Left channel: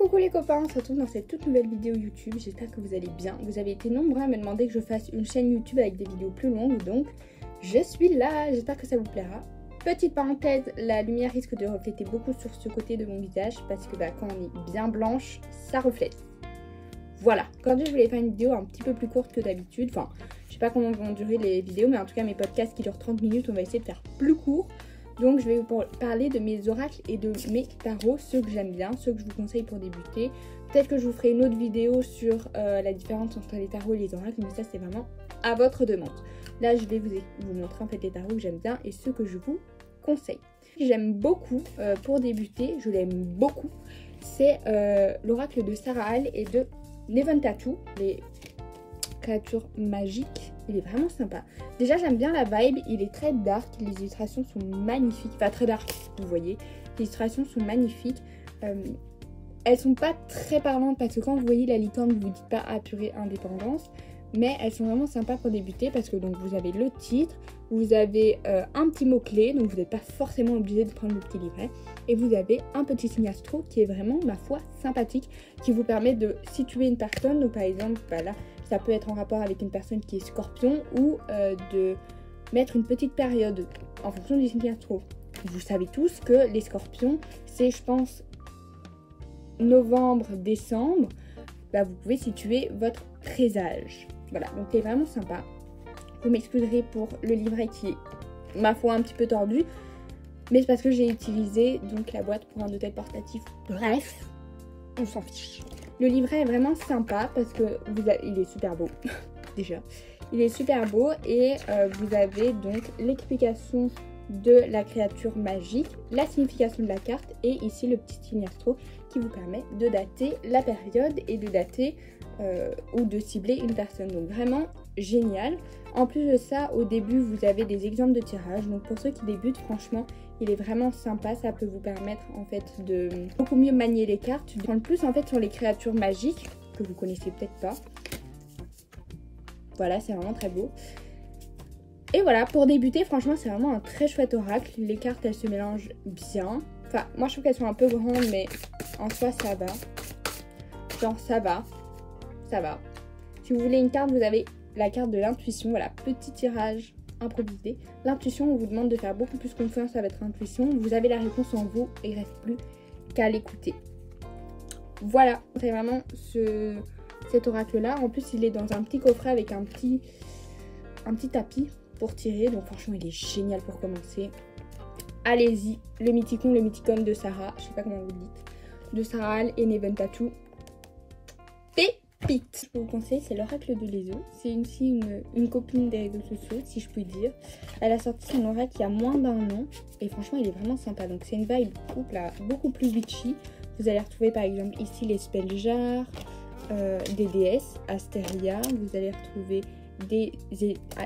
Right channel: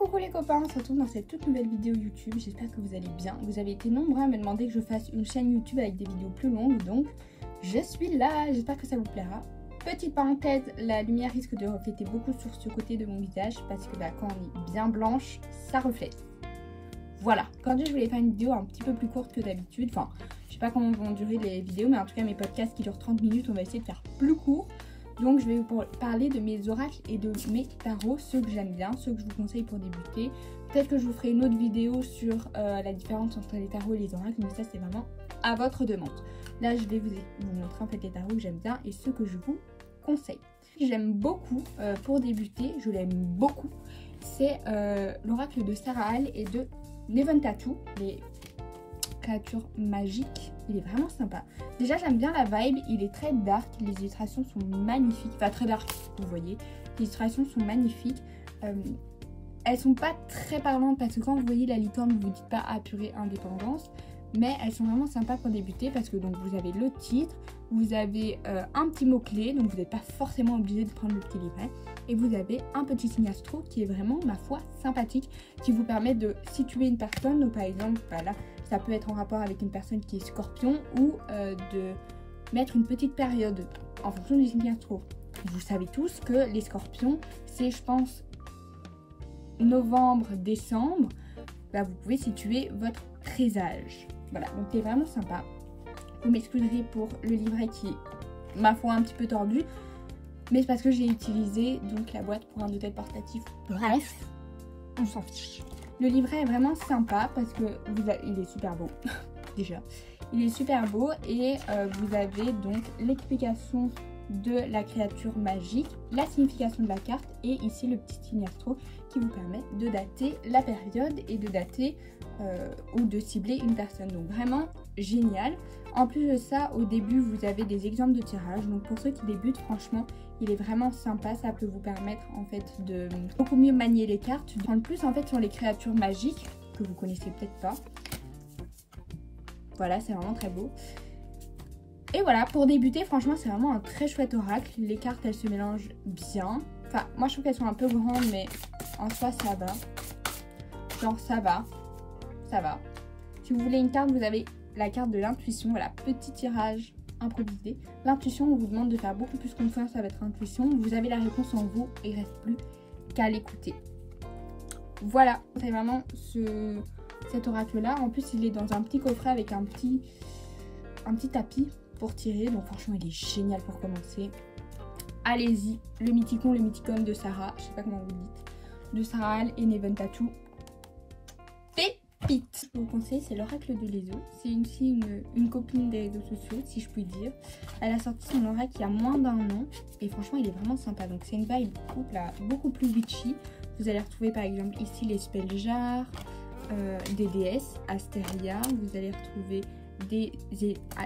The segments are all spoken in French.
Coucou les copains, on se retrouve dans cette toute nouvelle vidéo YouTube, j'espère que vous allez bien. Vous avez été nombreux à me demander que je fasse une chaîne YouTube avec des vidéos plus longues, donc je suis là, j'espère que ça vous plaira. Petite parenthèse, la lumière risque de refléter beaucoup sur ce côté de mon visage parce que quand on est bien blanche, ça reflète. Voilà, aujourd'hui je voulais faire une vidéo un petit peu plus courte que d'habitude, enfin je sais pas comment vont durer les vidéos, mais en tout cas mes podcasts qui durent 30 minutes, on va essayer de faire plus court. Donc je vais vous parler de mes oracles et de mes tarots, ceux que j'aime bien, ceux que je vous conseille pour débuter. Peut-être que je vous ferai une autre vidéo sur la différence entre les tarots et les oracles, mais ça c'est vraiment à votre demande. Là je vais vous montrer en fait les tarots que j'aime bien et ceux que je vous conseille. J'aime beaucoup, pour débuter, je l'aime beaucoup, c'est l'oracle de Saraal et de Neventattu, les créatures magiques. Il est vraiment sympa. Déjà j'aime bien la vibe, il est très dark, les illustrations sont magnifiques, enfin très dark vous voyez, les illustrations sont magnifiques, elles sont pas très parlantes parce que quand vous voyez la licorne vous dites pas ah purée indépendance, mais elles sont vraiment sympas pour débuter parce que donc vous avez le titre, vous avez un petit mot clé, donc vous n'êtes pas forcément obligé de prendre le petit livret, et vous avez un petit signe astro qui est vraiment ma foi sympathique, qui vous permet de situer une personne, donc par exemple là ça peut être en rapport avec une personne qui est scorpion ou de mettre une petite période en fonction du signe astro. Vous savez tous que les scorpions, c'est je pense novembre, décembre, vous pouvez situer votre présage. Voilà, donc c'est vraiment sympa. Vous m'excuserez pour le livret qui est ma foi un petit peu tordu, mais c'est parce que j'ai utilisé donc la boîte pour un hôtel portatif. Bref, on s'en fiche. Le livret est vraiment sympa parce que il est super beau, déjà. Il est super beau et vous avez donc l'explication de la créature magique, la signification de la carte et ici le petit signe astro qui vous permet de dater la période et de dater ou de cibler une personne. Donc vraiment génial. En plus de ça, au début, vous avez des exemples de tirage. Donc pour ceux qui débutent, franchement, il est vraiment sympa. Ça peut vous permettre en fait de beaucoup mieux manier les cartes. De prendre plus en fait sur les créatures magiques que vous connaissez peut-être pas. Voilà, c'est vraiment très beau. Et voilà, pour débuter, franchement, c'est vraiment un très chouette oracle. Les cartes, elles se mélangent bien. Enfin, moi, je trouve qu'elles sont un peu grandes, mais en soi, ça va. Genre, ça va. Ça va. Si vous voulez une carte, vous avez la carte de l'intuition. Voilà, petit tirage improvisé. L'intuition, on vous demande de faire beaucoup plus confiance à votre intuition. Vous avez la réponse en vous et il ne reste plus qu'à l'écouter. Voilà, c'est vraiment cet oracle-là. En plus, il est dans un petit coffret avec un petit tapis pour tirer. Donc franchement, il est génial pour commencer. Allez-y, le mythicon, le mythicum de Sarah. Je sais pas comment vous le dites. De Saraal et Neventattu. Pépite. Je vous conseille, c'est l'oracle de Lézo. C'est une copine des réseaux sociaux, si je puis dire. Elle a sorti son oracle il y a moins d'un an. Et franchement, il est vraiment sympa. Donc c'est une vibe beaucoup plus witchy. Vous allez retrouver par exemple ici les spells jars, des déesses, Astéria. Vous allez retrouver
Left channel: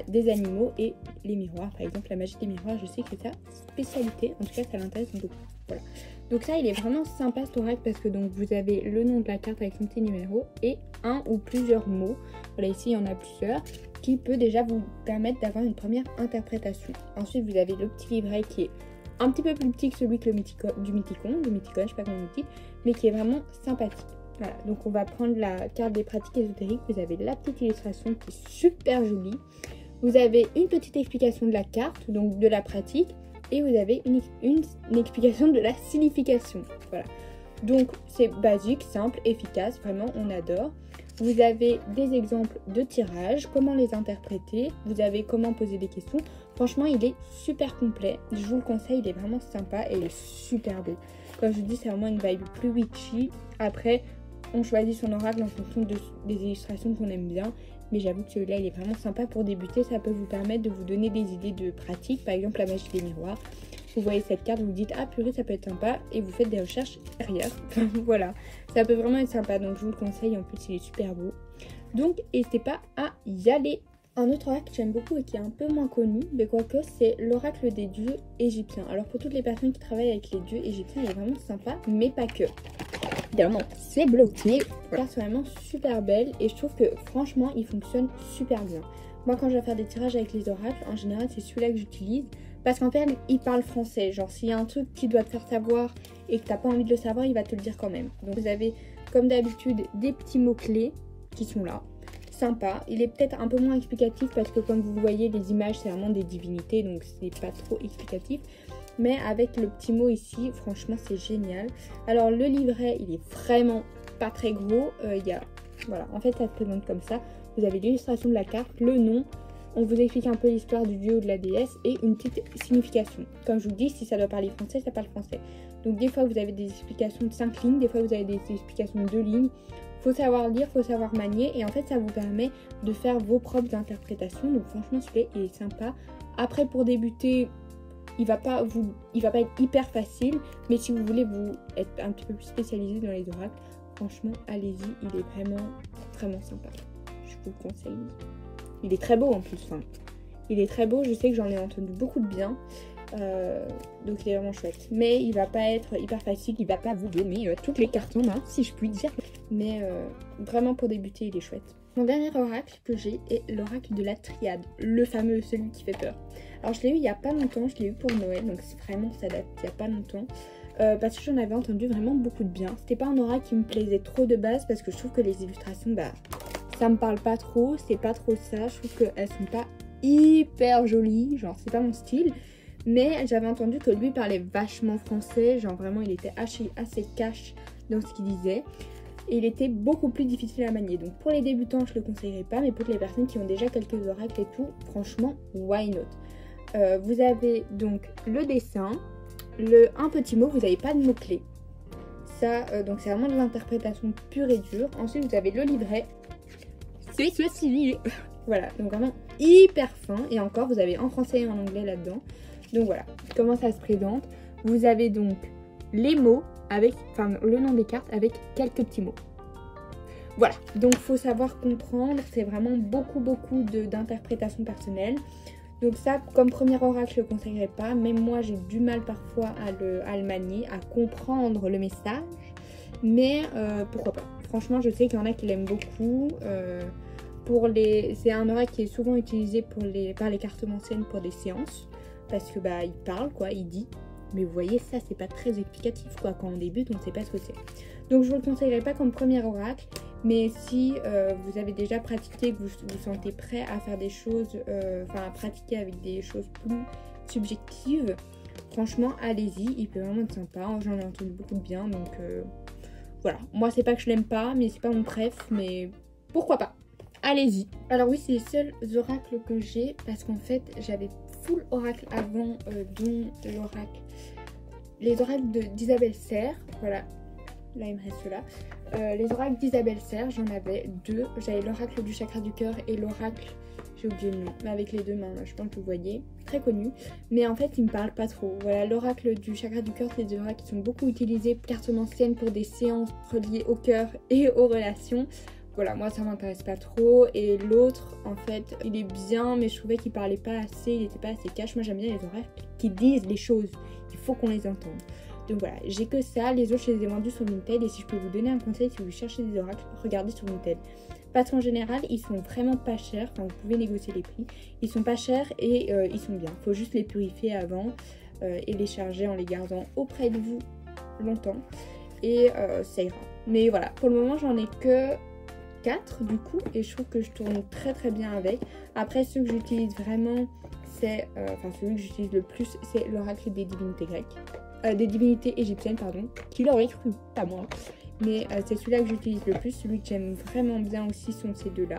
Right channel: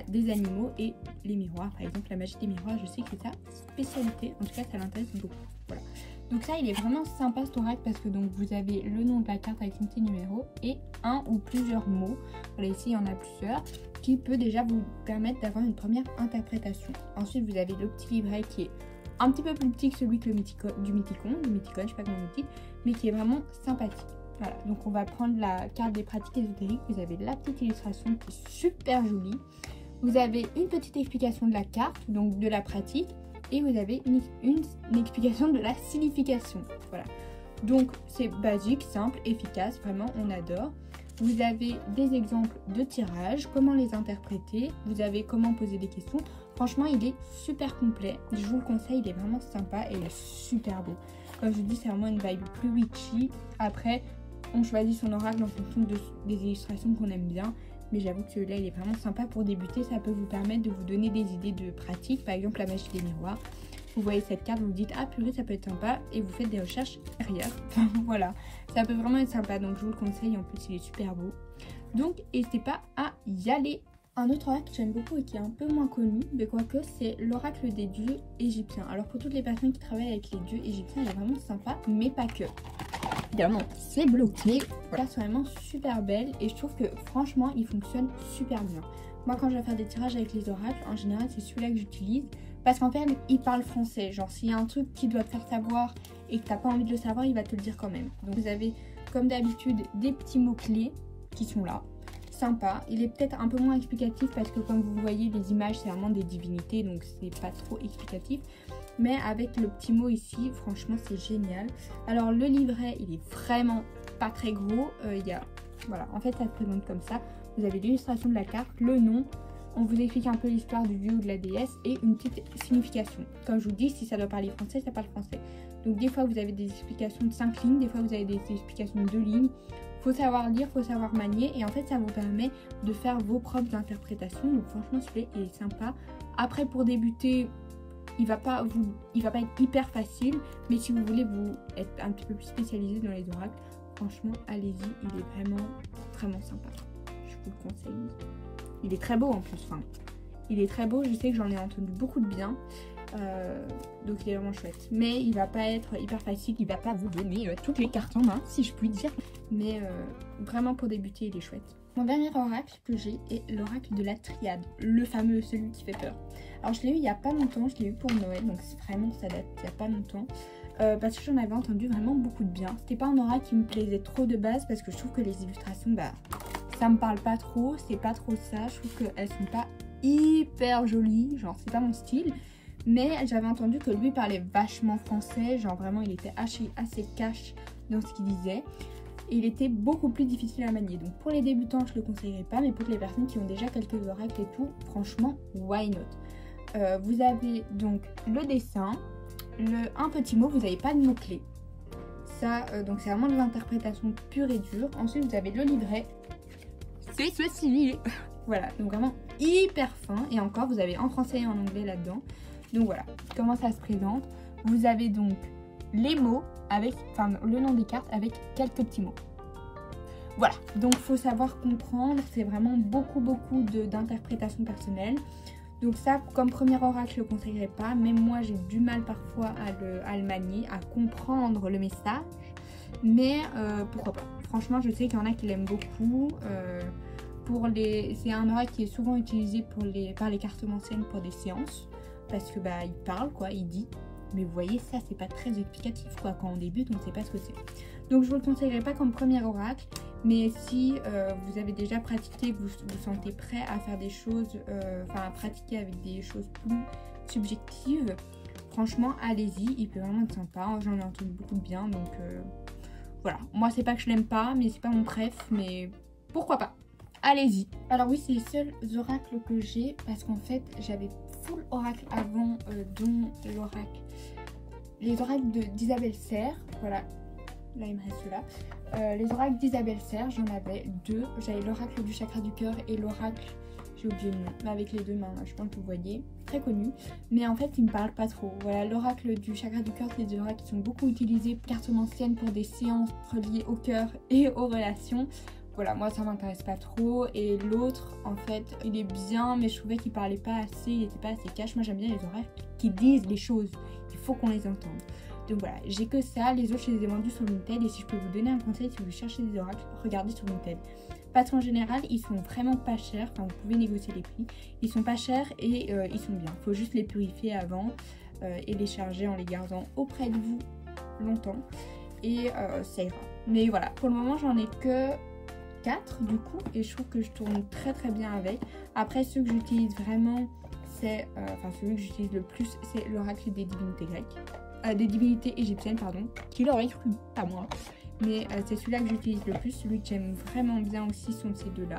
des animaux et les miroirs. Par exemple, la magie des miroirs, je sais que c'est sa spécialité. En tout cas, ça l'intéresse beaucoup. Voilà. Donc ça, il est vraiment sympa cet oracle parce que donc vous avez le nom de la carte avec son petit numéro et un ou plusieurs mots. Voilà, ici, il y en a plusieurs qui peut déjà vous permettre d'avoir une première interprétation. Ensuite, vous avez le petit livret qui est un petit peu plus petit que celui du mythicon, je sais pas comment vous dites, mais qui est vraiment sympathique. Voilà, donc on va prendre la carte des pratiques ésotériques. Vous avez la petite illustration qui est super jolie. Vous avez une petite explication de la carte, donc de la pratique. Et vous avez une explication de la signification. Voilà. Donc c'est basique, simple, efficace. Vraiment, on adore. Vous avez des exemples de tirage, comment les interpréter. Vous avez comment poser des questions. Franchement, il est super complet. Je vous le conseille, il est vraiment sympa et il est super beau. Comme je vous dis, c'est vraiment une vibe plus witchy. Après, on choisit son oracle en fonction des illustrations qu'on aime bien. Mais j'avoue que celui-là, il est vraiment sympa pour débuter. Ça peut vous permettre de vous donner des idées de pratique. Par exemple, la magie des miroirs. Vous voyez cette carte, vous vous dites « Ah purée, ça peut être sympa » et vous faites des recherches derrière. Voilà, ça peut vraiment être sympa. Donc, je vous le conseille. En plus, il est super beau. Donc, n'hésitez pas à y aller. Un autre oracle que j'aime beaucoup et qui est un peu moins connu, mais quoique, c'est l'oracle des dieux égyptiens. Alors, pour toutes les personnes qui travaillent avec les dieux égyptiens, il est vraiment sympa, mais pas que. Évidemment, c'est bloqué. La carte est vraiment super belle et je trouve que franchement, il fonctionne super bien. Moi, quand je vais faire des tirages avec les oracles, en général, c'est celui-là que j'utilise Parce qu'en fait, il parle français. Genre, s'il y a un truc qui doit te faire savoir et que t'as pas envie de le savoir, il va te le dire quand même. Donc, vous avez, comme d'habitude, des petits mots-clés qui sont là. Sympa. Il est peut-être un peu moins explicatif parce que, comme vous voyez, les images, c'est vraiment des divinités. Donc, c'est pas trop explicatif. Mais avec le petit mot ici, franchement, c'est génial. Alors, le livret, il est vraiment pas très gros. Voilà, en fait, ça se présente comme ça. Vous avez l'illustration de la carte, le nom. On vous explique un peu l'histoire du dieu ou de la déesse et une petite signification. Comme je vous dis, si ça doit parler français, ça parle français. Donc des fois vous avez des explications de 5 lignes, des fois vous avez des explications de 2 lignes. Faut savoir lire, faut savoir manier et en fait ça vous permet de faire vos propres interprétations. Donc franchement celui-là il est sympa. Après pour débuter, il va pas être hyper facile, mais si vous voulez vous être un petit peu plus spécialisé dans les oracles, franchement allez-y, il est vraiment sympa. Je vous le conseille. Il est très beau en plus, enfin, il est très beau, je sais que j'en ai entendu beaucoup de bien, donc il est vraiment chouette. Mais il va pas être hyper facile, il va pas vous donner toutes les cartes en main, si je puis dire. Mais vraiment pour débuter, il est chouette. Mon dernier oracle que j'ai est l'oracle de la triade, le fameux, celui qui fait peur. Alors je l'ai eu il y a pas longtemps, je l'ai eu pour Noël, donc c'est vraiment ça date il y a pas longtemps. Parce que j'en avais entendu vraiment beaucoup de bien. C'était pas un oracle qui me plaisait trop de base parce que je trouve que les illustrations, ça me parle pas trop, c'est pas trop ça, je trouve qu'elles sont pas hyper jolies, genre c'est pas mon style. Mais j'avais entendu que lui parlait vachement français, genre vraiment il était assez cash dans ce qu'il disait. Et il était beaucoup plus difficile à manier. Donc pour les débutants je le conseillerais pas, mais pour les personnes qui ont déjà quelques oracles et tout, franchement why not. Vous avez donc le dessin, un petit mot, vous n'avez pas de mots-clés. Ça, donc c'est vraiment de l'interprétation pure et dure. Ensuite vous avez le livret. C'est ceci. Voilà, donc vraiment hyper fin. Et encore, vous avez en français et en anglais là-dedans. Donc voilà, comment ça se présente. Vous avez donc les mots avec, enfin le nom des cartes avec quelques petits mots. Voilà, donc il faut savoir comprendre. C'est vraiment beaucoup d'interprétation personnelle. Donc ça, comme premier oracle, je ne le conseillerais pas. Même moi, j'ai du mal parfois à le manier, à comprendre le message. Mais pourquoi pas. Franchement, je sais qu'il y en a qui l'aiment beaucoup. C'est un oracle qui est souvent utilisé par les cartomanciennes pour des séances. Parce que il parle, quoi, il dit. Mais vous voyez, ça, c'est pas très explicatif, quoi. Quand on débute, on ne sait pas ce que c'est. Donc je ne vous le conseillerais pas comme premier oracle. Mais si vous avez déjà pratiqué, que vous vous sentez prêt à faire des choses, à pratiquer avec des choses plus subjectives, franchement, allez-y, il peut vraiment être sympa. J'en ai entendu beaucoup de bien, donc voilà. Moi, c'est pas que je l'aime pas, mais c'est pas mon préf, mais pourquoi pas. Allez-y. Alors oui, c'est les seuls oracles que j'ai, parce qu'en fait, j'avais full oracle avant, dont les oracles d'Isabelle Serre, voilà. Là, il me reste là. Les oracles d'Isabelle Serre, j'en avais 2. J'avais l'oracle du chakra du cœur et l'oracle, j'ai oublié le nom, mais avec les 2 mains, je pense que vous voyez, très connu. Mais en fait, il me parle pas trop. Voilà, l'oracle du chakra du cœur, c'est des oracles qui sont beaucoup utilisés cartomanciennes pour des séances reliées au cœur et aux relations. Voilà, moi ça m'intéresse pas trop. Et l'autre, en fait, il est bien, mais je trouvais qu'il parlait pas assez, il était pas assez cash. Moi j'aime bien les oracles qui disent les choses, il faut qu'on les entende. Donc voilà, j'ai que ça, les autres je les ai vendus sur Vinted. Et si je peux vous donner un conseil, si vous cherchez des oracles, regardez sur Vinted. Parce qu'en général, ils sont vraiment pas chers, enfin vous pouvez négocier les prix. Ils sont pas chers et ils sont bien. Il faut juste les purifier avant et les charger en les gardant auprès de vous longtemps. Et ça ira. Mais voilà, pour le moment j'en ai que 4 du coup. Et je trouve que je tourne très bien avec. Après ceux que j'utilise vraiment, c'est, celui que j'utilise le plus, c'est l'oracle des divinités grecques. Des divinités égyptiennes, pardon, qui l'aurait cru, pas moi. Mais c'est celui-là que j'utilise le plus. Celui que j'aime vraiment bien aussi sont ces deux-là.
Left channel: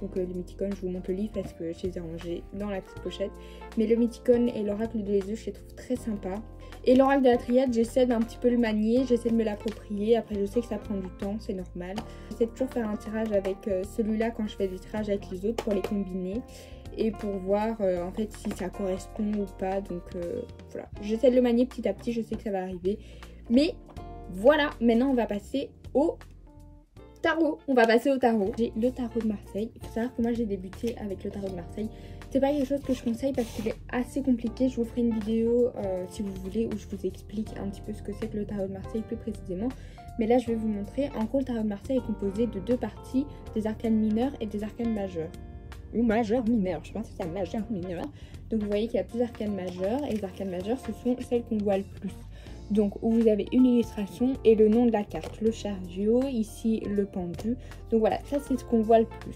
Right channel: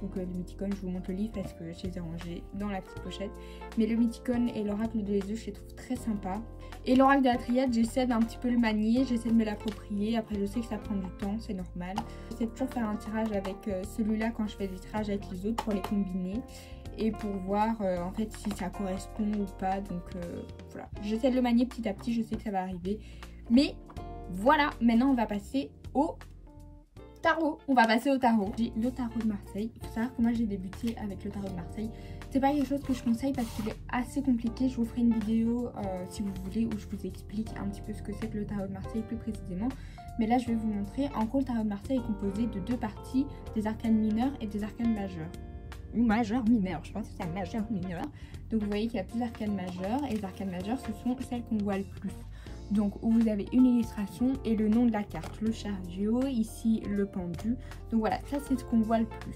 Donc le Mythicone, je vous montre le livre parce que je les ai rangés dans la petite pochette. Mais le Mythicone et l'oracle de Jésus, je les trouve très sympas. Et l'oracle de la triade, j'essaie d'un petit peu le manier, j'essaie de me l'approprier. Après, je sais que ça prend du temps, c'est normal. J'essaie de toujours faire un tirage avec celui-là quand je fais des tirages avec les autres pour les combiner. Et pour voir en fait si ça correspond ou pas. Donc voilà, j'essaie de le manier petit à petit, je sais que ça va arriver. Mais voilà, maintenant on va passer au tarot. On va passer au tarot. J'ai le tarot de Marseille. Il faut savoir que moi j'ai débuté avec le tarot de Marseille. C'est pas quelque chose que je conseille parce qu'il est assez compliqué. Je vous ferai une vidéo si vous voulez où je vous explique un petit peu ce que c'est que le tarot de Marseille plus précisément. Mais là je vais vous montrer. En gros, le tarot de Marseille est composé de 2 parties, des arcanes mineurs et des arcanes majeurs. Ou majeur mineur, je pense que c'est un majeur mineur. Donc vous voyez qu'il y a plusieurs arcanes majeures et les arcanes majeures ce sont celles qu'on voit le plus. Donc où vous avez une illustration et le nom de la carte, le chariot, ici le pendu. Donc voilà, ça c'est ce qu'on voit le plus.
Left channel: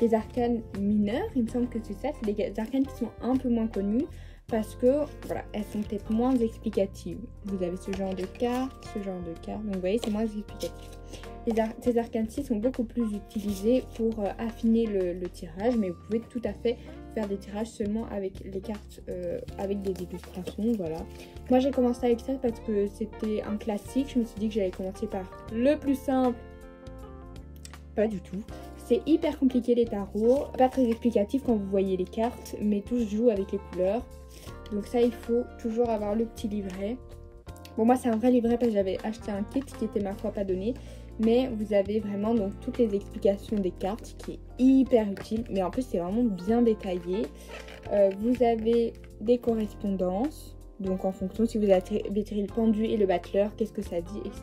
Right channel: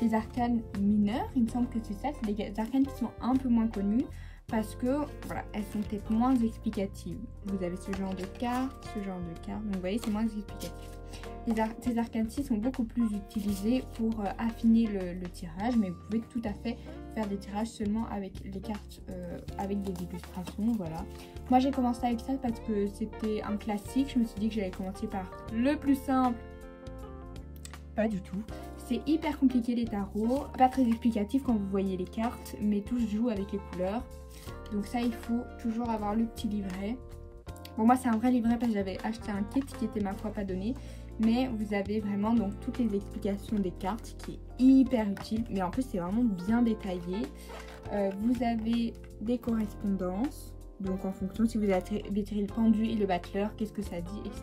Les arcanes mineures, il me semble que c'est ça, c'est des arcanes qui sont un peu moins connues parce que voilà, elles sont peut-être moins explicatives. Vous avez ce genre de carte, donc vous voyez c'est moins explicatif. Ces arcanes-ci sont beaucoup plus utilisées pour affiner le tirage, mais vous pouvez tout à fait faire des tirages seulement avec les cartes, avec des illustrations, voilà. Moi j'ai commencé avec ça parce que c'était un classique, je me suis dit que j'allais commencer par le plus simple. Pas du tout. C'est hyper compliqué les tarots, pas très explicatif quand vous voyez les cartes, mais tout se joue avec les couleurs. Donc ça il faut toujours avoir le petit livret. Bon moi c'est un vrai livret parce que j'avais acheté un kit qui était ma foi pas donné. Mais vous avez vraiment donc toutes les explications des cartes qui est hyper utile. Mais en plus c'est vraiment bien détaillé. Vous avez des correspondances. Donc en fonction si vous avez tiré le pendu et le battleur, qu'est-ce que ça dit, etc.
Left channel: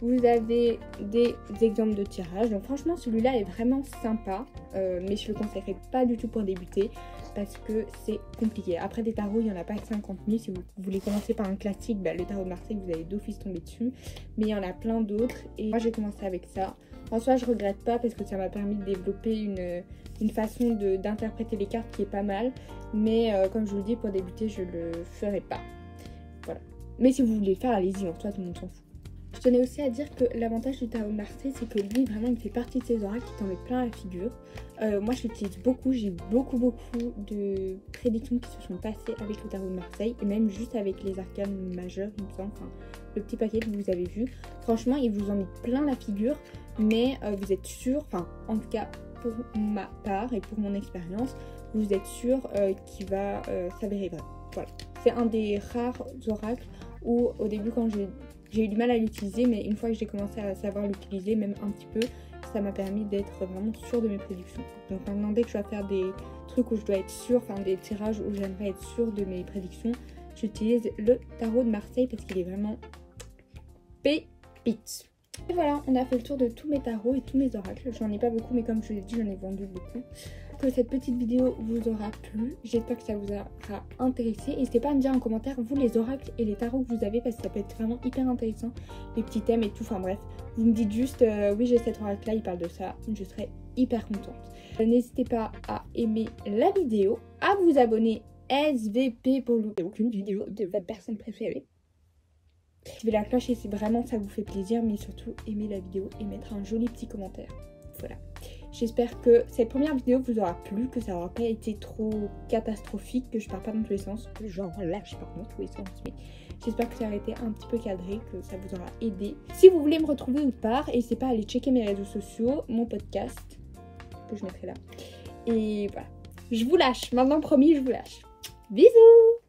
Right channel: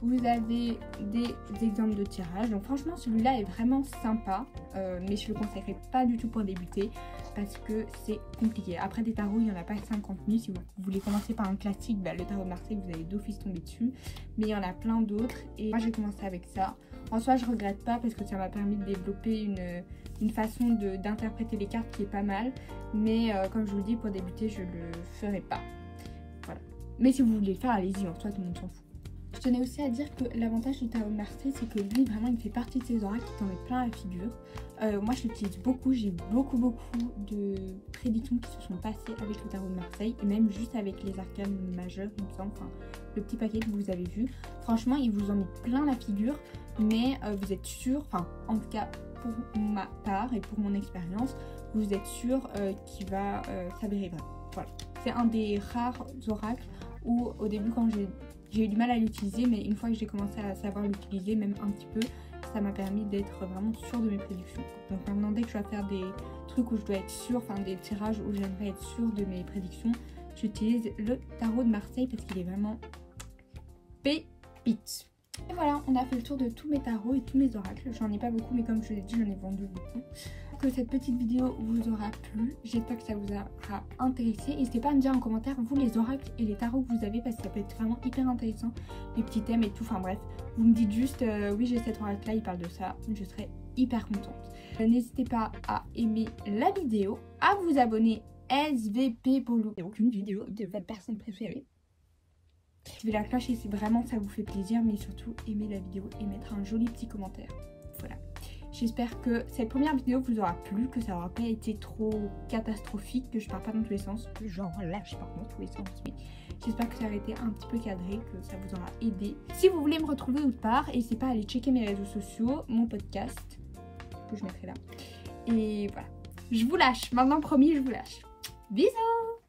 Vous avez des exemples de tirage. Donc franchement celui-là est vraiment sympa. Mais je ne le conseillerais pas du tout pour débuter. Parce que c'est compliqué. Après des tarots, il n'y en a pas 50 000. Si vous voulez commencer par un classique, bah, le tarot de Marseille, vous allez d'office tomber dessus. Mais il y en a plein d'autres. Et moi, j'ai commencé avec ça. En soi, je regrette pas parce que ça m'a permis de développer une façon d'interpréter les cartes qui est pas mal. Mais comme je vous le dis, pour débuter, je le ferai pas. Voilà. Mais si vous voulez le faire, allez-y. En soi, tout le monde s'en fout. Je tenais aussi à dire que l'avantage du tarot de Marseille, c'est que lui, vraiment, il fait partie de ces oracles qui t'en met plein la figure. Moi, je l'utilise beaucoup. J'ai beaucoup de prédictions qui se sont passées avec le tarot de Marseille. Et même juste avec les arcanes majeures, il me semble. Enfin, le petit paquet que vous avez vu. Franchement, il vous en met plein la figure. Mais vous êtes sûr, enfin, en tout cas, pour ma part et pour mon expérience, vous êtes sûr qu'il va s'avérer vrai. Voilà. C'est un des rares oracles où, au début, quand j'ai eu du mal à l'utiliser, mais une fois que j'ai commencé à savoir l'utiliser, même un petit peu, ça m'a permis d'être vraiment sûre de mes prédictions. Donc maintenant, dès que je dois faire des trucs où je dois être sûre, enfin des tirages où j'aimerais être sûre de mes prédictions, j'utilise le tarot de Marseille parce qu'il est vraiment pépite. Et voilà, on a fait le tour de tous mes tarots et tous mes oracles. J'en ai pas beaucoup, mais comme je l'ai dit, j'en ai vendu beaucoup. Que cette petite vidéo vous aura plu, j'espère que ça vous aura intéressé. N'hésitez pas à me dire en commentaire vous les oracles et les tarots que vous avez parce que ça peut être vraiment hyper intéressant, les petits thèmes et tout, enfin bref. Vous me dites juste oui j'ai cet oracle là, il parle de ça, je serai hyper contente. N'hésitez pas à aimer la vidéo, à vous abonner SVP pour louper aucune vidéo de votre personne préférée. Activez la cloche et si vraiment ça vous fait plaisir, mais surtout aimer la vidéo et mettre un joli petit commentaire. Voilà. J'espère que cette première vidéo vous aura plu, que ça n'aura pas été trop catastrophique, que je pars pas dans tous les sens. Genre là, je pars dans tous les sens. Mais j'espère que ça aura été un petit peu cadré, que ça vous aura aidé. Si vous voulez me retrouver autre part, n'hésitez pas à aller checker mes réseaux sociaux, mon podcast, que je mettrai là. Et voilà. Je vous lâche. Maintenant, promis, je vous lâche. Bisous!